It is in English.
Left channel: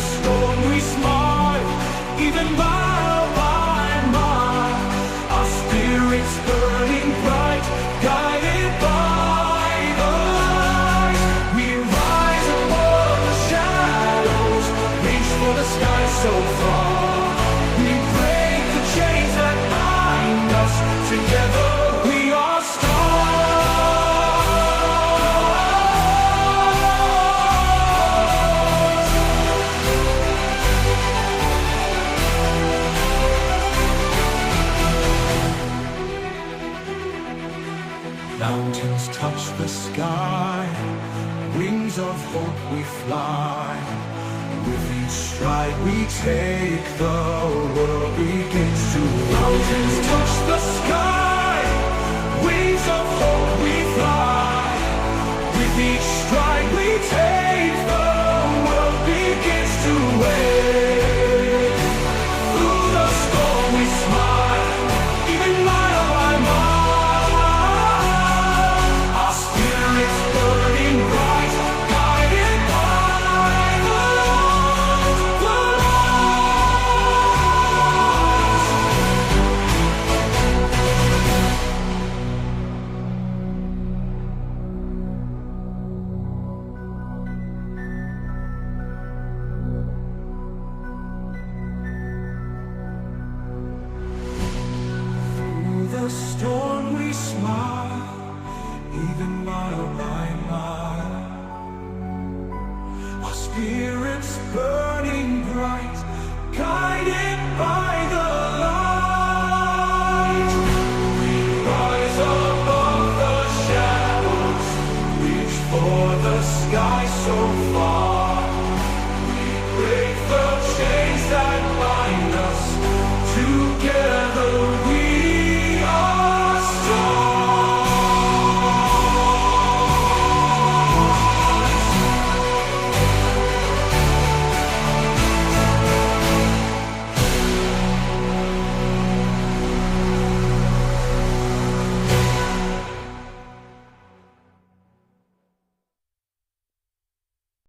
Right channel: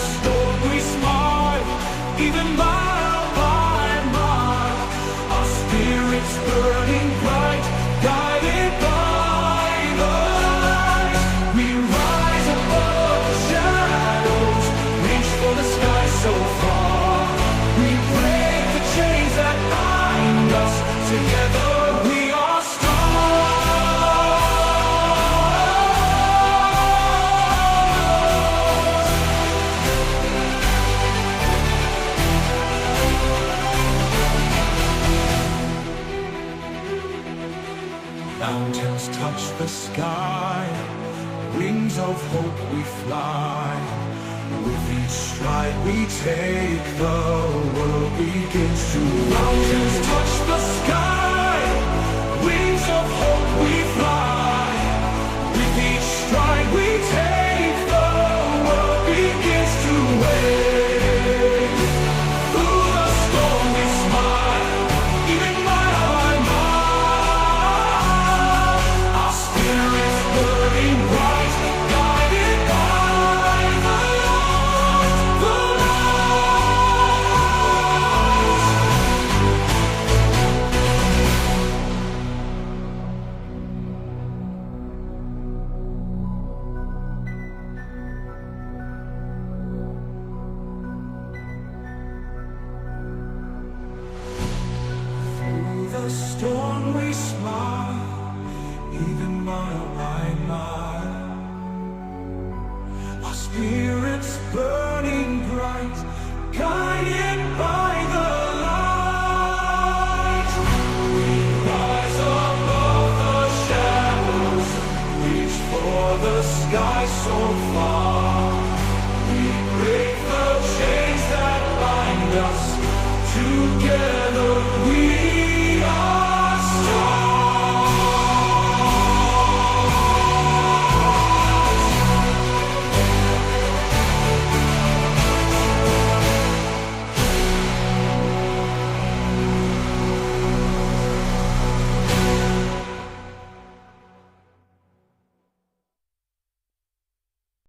storm we smile, even mile by mile. Our spirits burning bright, guided by the light. We rise above the shadows, reach for the sky so far. We break the chains that bind us, together we are stars. Mountains touch the sky, wings of hope we fly. With each stride we take, the world begins to rise. Mountains touch the sky, wings of hope we fly. With each stride we take, the world begins to wave. Through the storm we smile, even mile by mile. Our spirits burning bright, guided by the light, the light. Through the storm we smile, even mile by mile. Our spirits burning bright, guided by the light. We rise above the shadows, reach for the sky so far. We break the chains that